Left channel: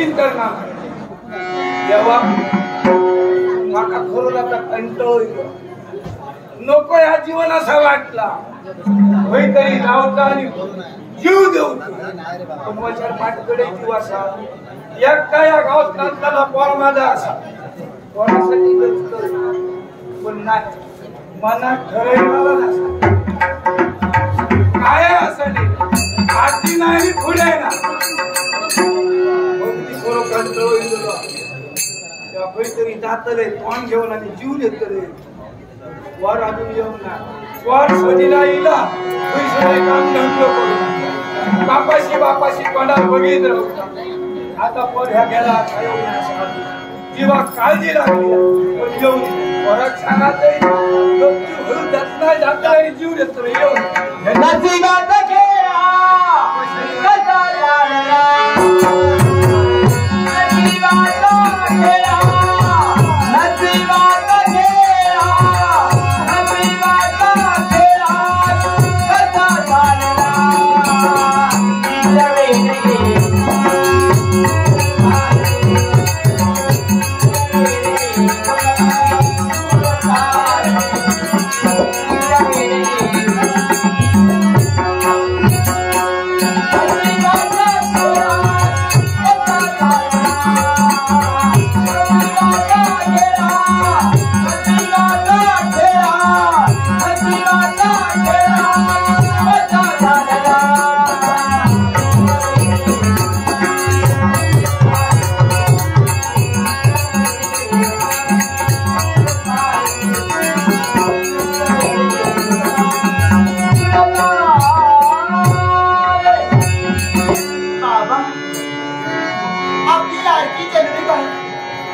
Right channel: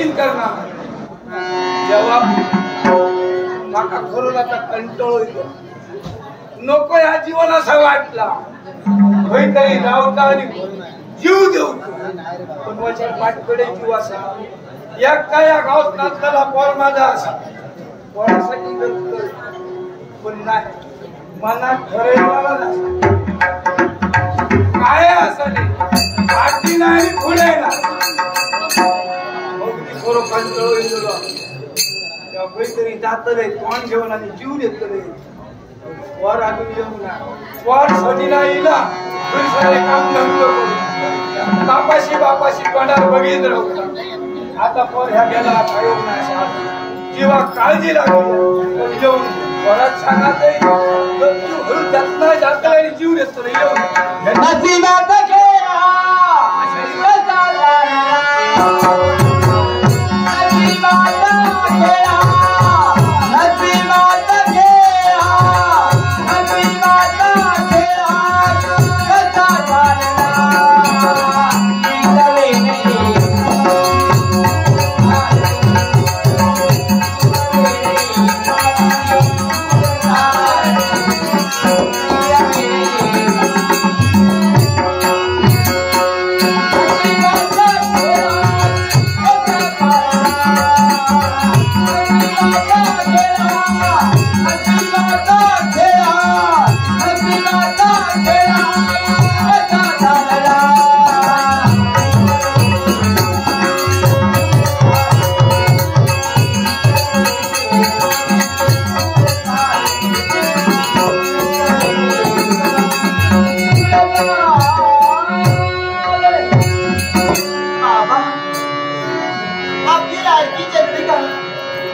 कठीण करणार जेव्हा माका खरोलाचा कंटाळो येतो नको या जीवन असा वाटला होय तरी जाऊचा आणि जीव देऊचो पण वचर पाठकडे जीव असा एकटा या गावात नाचताना पोर माझा असा पोरासाठी जगतोय पण नाही मनात ठरवलेला नसा काय असं नाही आधी नाही पुढे ना अगदी खरो कंटाळो येतो तेव्हा काहीतरी जातले तोंड घेऊन आणि जीव देतले वर अजून येऊ ना वर सजीला इला सगळे काम धंदो करून बापाशी तोंडात बघित राहू आता पर ह्या गेला खायो ना जीवा काळजी लागली येऊन वरात सांगत जात आणि जीव देतो येऊन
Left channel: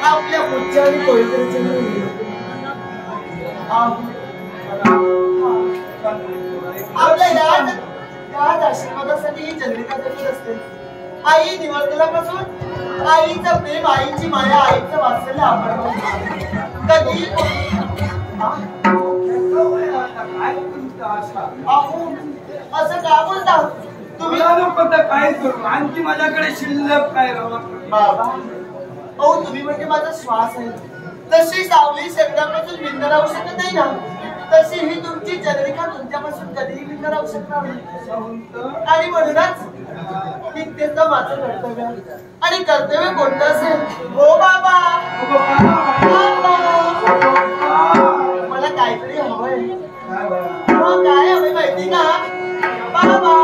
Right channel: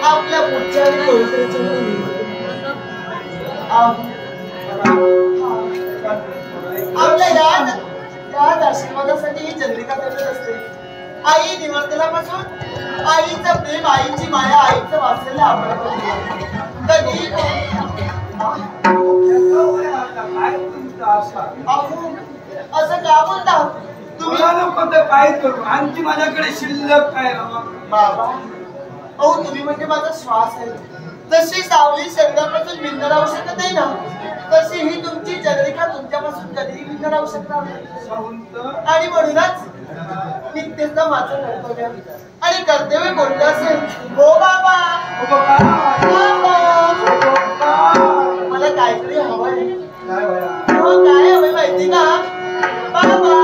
आपल्या पुढच्या पवित्र आपल्या याच आशीर्वादासाठी ही चंद्रिका जगत असते आई निवर्तनापासून आईचं प्रेम आईची माया आईचं वात्सल्य आपण कधी असं का बोलता तुम्ही काय करू आणखी माझ्याकडे शिल्लक काय बाबा अहो तुम्ही म्हणजे माझा श्वास आहे तशी सावली शरीरापासून भिन्न राहू शकत नाही ना तशी ही तुमची चंद्रिका तुमच्यापासून कधीही भिन्न राहू शकणार नाही आणि म्हणूनच नित्यचं माझं कर्तव्य आणि कर्तव्य कोणतं असेल हो बाबा मला काहीतरी हवंय काय हवंय माहिती का बाबा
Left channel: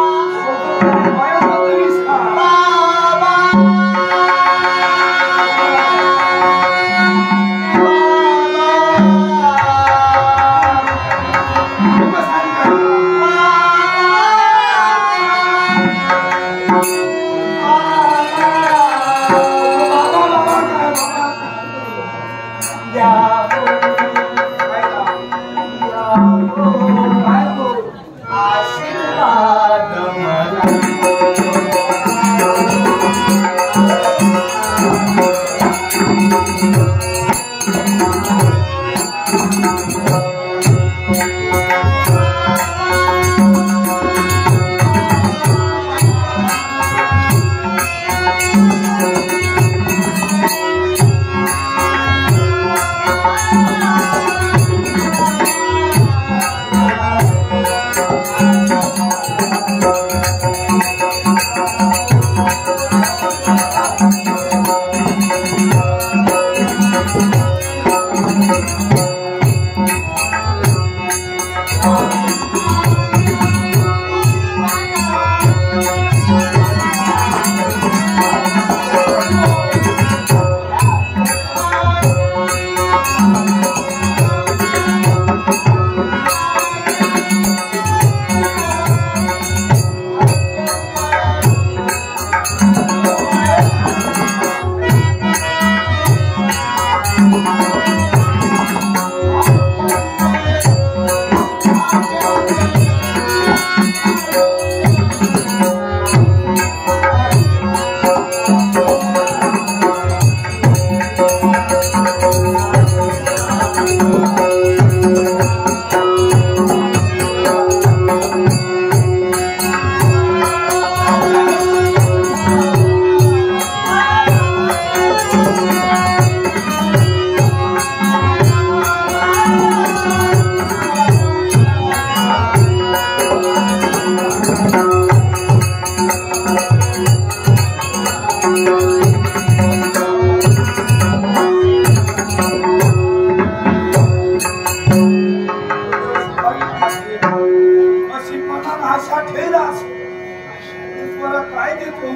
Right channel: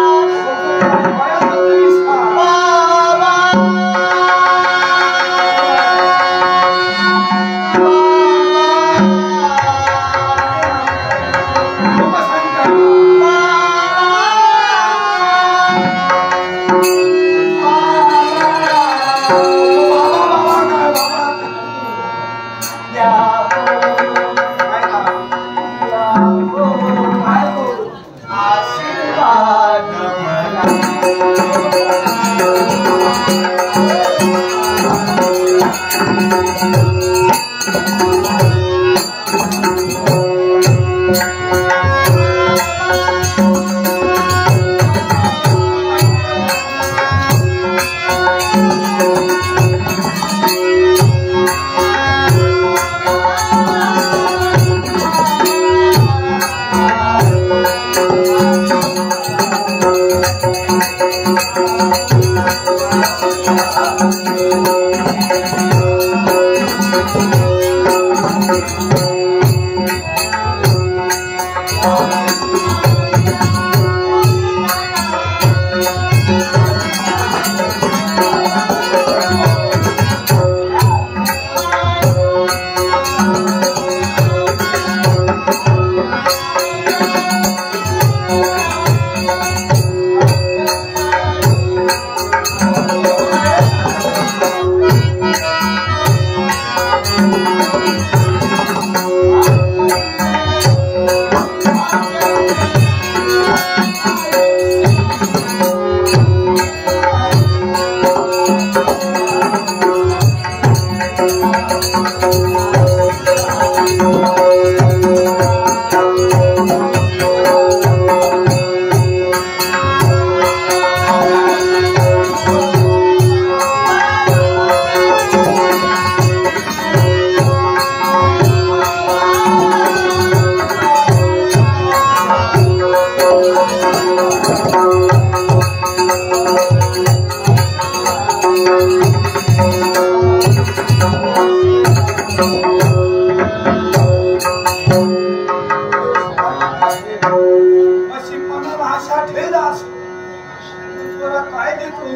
काय देतो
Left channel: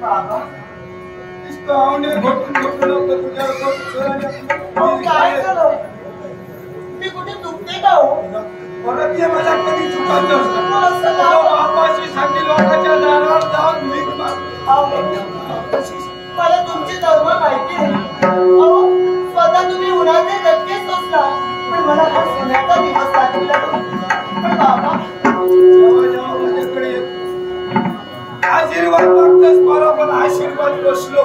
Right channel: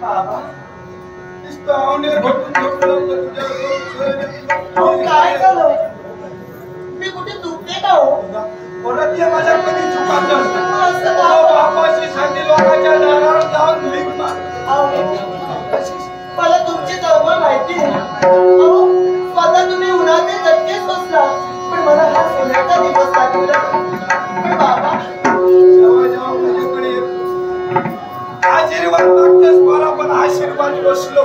बाबा काय झालं मी कुठे चुकते का हो परत ये माझ्या कधी चुकायचं असतं बापाशी सांगली लोकांच्या दारावर जाऊन भीक माग मला तुमची तळमळ माहिती आहे अहो स्वतः तुम्ही उन्हाचे धक्के सोसला पण मला हा सोन्याचा दिवस आठवला पण बाबा जेव्हा जेव्हा माझ्याकडे येतो आशीर्वाद मागतेस मला पण आशीर्वाद बसलो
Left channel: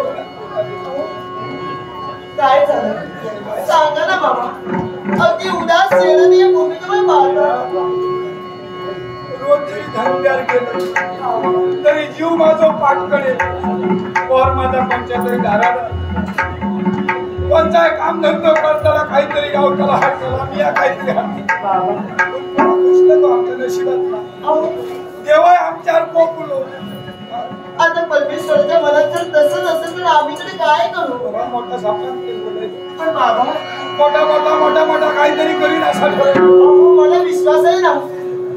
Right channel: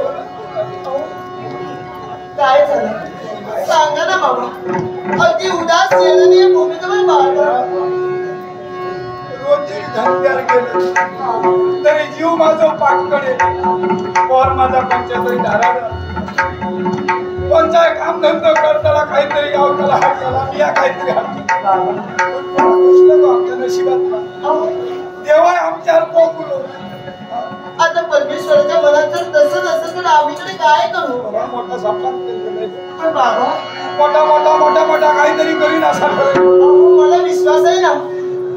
काय झालं सांगा ना बाबा अगदी उदास चेहऱ्याने भूमिकेवर पाहता रोज जरी धनप्यार गेलं तरी जीव माझा पाठकडे पोर माझा पंचायतरी दाराला कोणताही काम धंदा करताना काहीतरी गावताला हाताला मी या काहीतरी आमच्या नशिबात देवा आमच्यावर कोकुलो आता परमेश्वराच्या मनात जर तसं नसेल तर आम्ही तरी काय करू मोठा सपना पण बाबा मोठा मोठा मोठा मोठा काहीतरी करीन असा ठरेल मला विश्वास आहे ना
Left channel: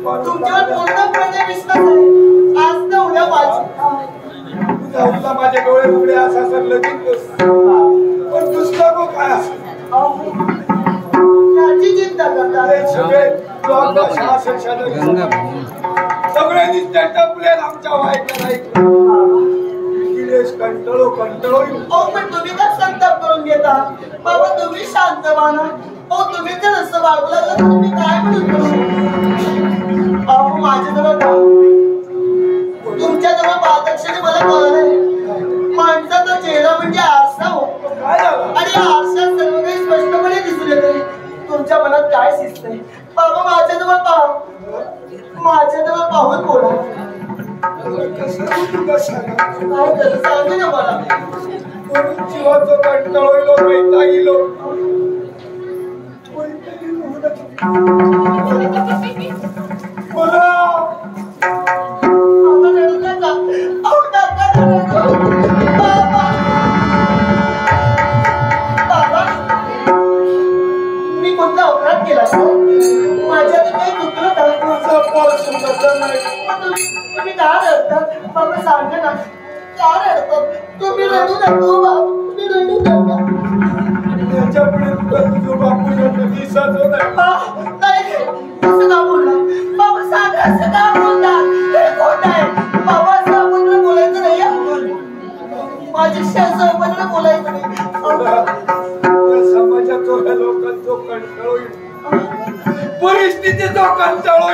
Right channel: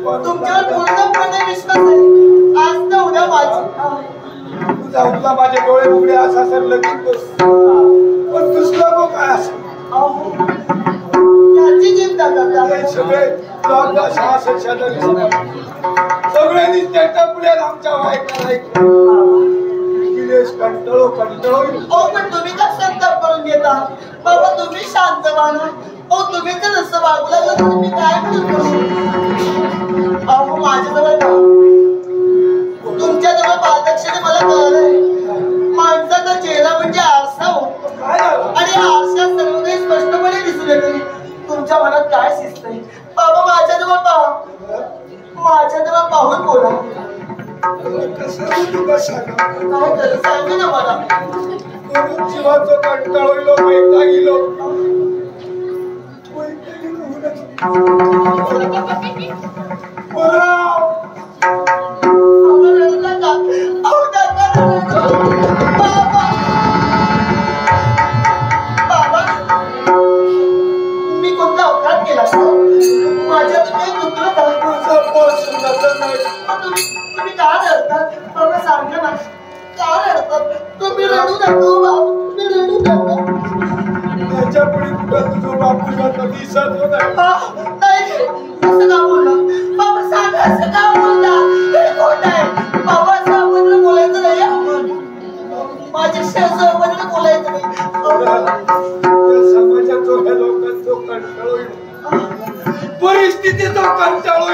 तुमच्यावर पूर्णपणे विश्वास आहे आज ना उद्या माझी तुझा उठला माझे डोळे उघडे असा सर लगेच पण दुसरं को काय याची चिंता करता सगळे सगळे नित्य टपले आमच्या वाईट गिलेश कंटाळो कंटाळो पण तुम्ही का संताप करून घेता बाबा तुम्ही शांत व्हा तुम्ही तर असं वागू लागलं तर मी काय म्हणून करू अहो माझ्याजवळ तुमच्याजवळ पारदर्शने मला कळलंय माणसाचा चेहरा म्हणजे आरसा हो आणि आरशात सर्व काही स्पष्टपणे दिसून येते तुमच्या मनात काय शिजतंय बाबा माझ्याजवळ पाहून बोला सांगे ना मला जीवाचं कंटाळलो वैतागिलो मी कोणता अपराध केला माझ्या काही चुकलं का माझा पॉल सुद्धा नाही तुम्ही का रडतात बाबा सांगा ना का रडतात तुम्ही रडू नको बाबा तुम्ही रडू नका त्याच्या पुढे तुझं बापू जातं दिसत नाही असं का बोलला बाबा सांगा असं का बोलता हे खोट आहे बाबा असं आपण बोलायचं नाही माझ्याशी असं आपण बोलायचं नाही समाजाचा लोकांचा कंटाळो परिस्थितीचा कंटाळो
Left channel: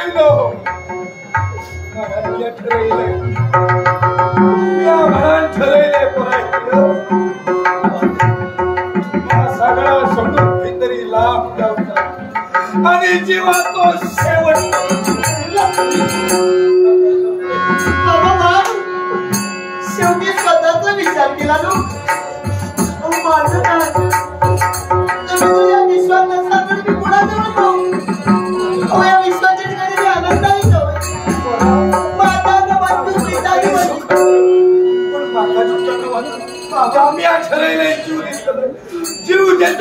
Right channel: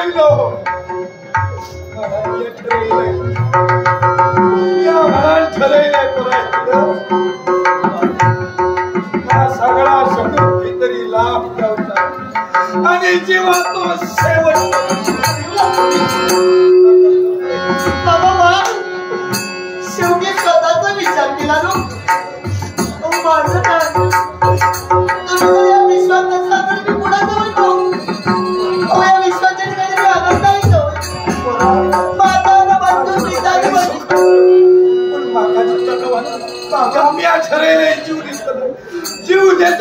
सगळा सोडून काहीतरी लाभ लावतात आणि जेव्हा तो शेवट बाबा शेवटी स्वतःचा विचार केला ना माझं काय तुम्ही या विश्वास नसाल तर मी कुणाजवळ पाहू या विश्वाच्या ठिकाणी मी आनंदाही जीव देत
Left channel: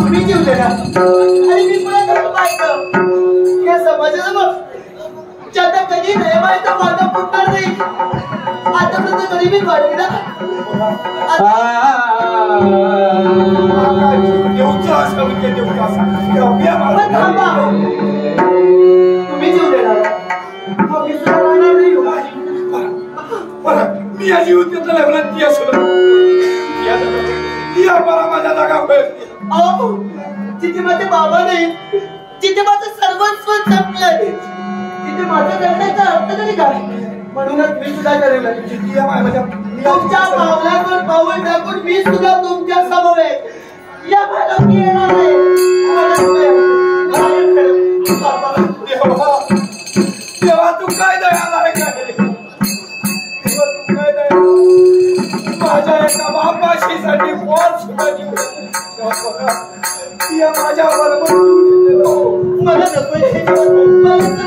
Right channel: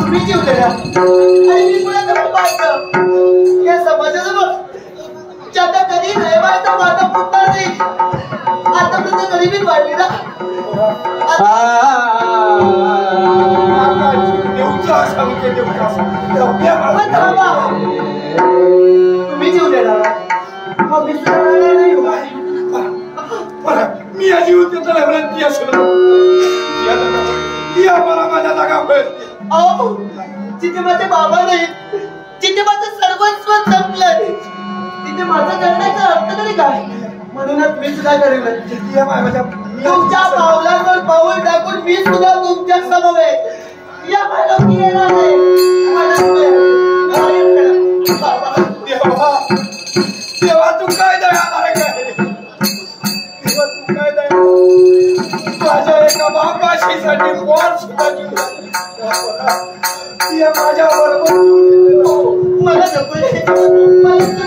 तुम्ही जीव देणार आणि मी कुणाजवळ पाहिलं या समाजाजवळ ज्याचा कधी नयमायचा माझा फुटणार नाही आता सुद्धा गरिबीत वाढली ना तुम्ही जीव देणार मी सुद्धा राहणार नाही मी या जीव त्याला विनंती असलो मला माझ्या जागा अहो जिथे माझे बाबा नाही जिथे माझं सर्वस्व संपलं तिथे माझा जगण्याचा अर्थ तरी काय म्हणूनच मी सुद्धा ठरवलं तुमच्या पावलांवर पाऊल टाकून मी सुद्धा तुमच्या समवेत या मालकी येणार तेव्हा तू काय दयाला आहे काय तेव्हा तू काय दया माझ्या एका बापाशीसाठी पोर सुद्धा जीव माझ्या बरोबर मला नको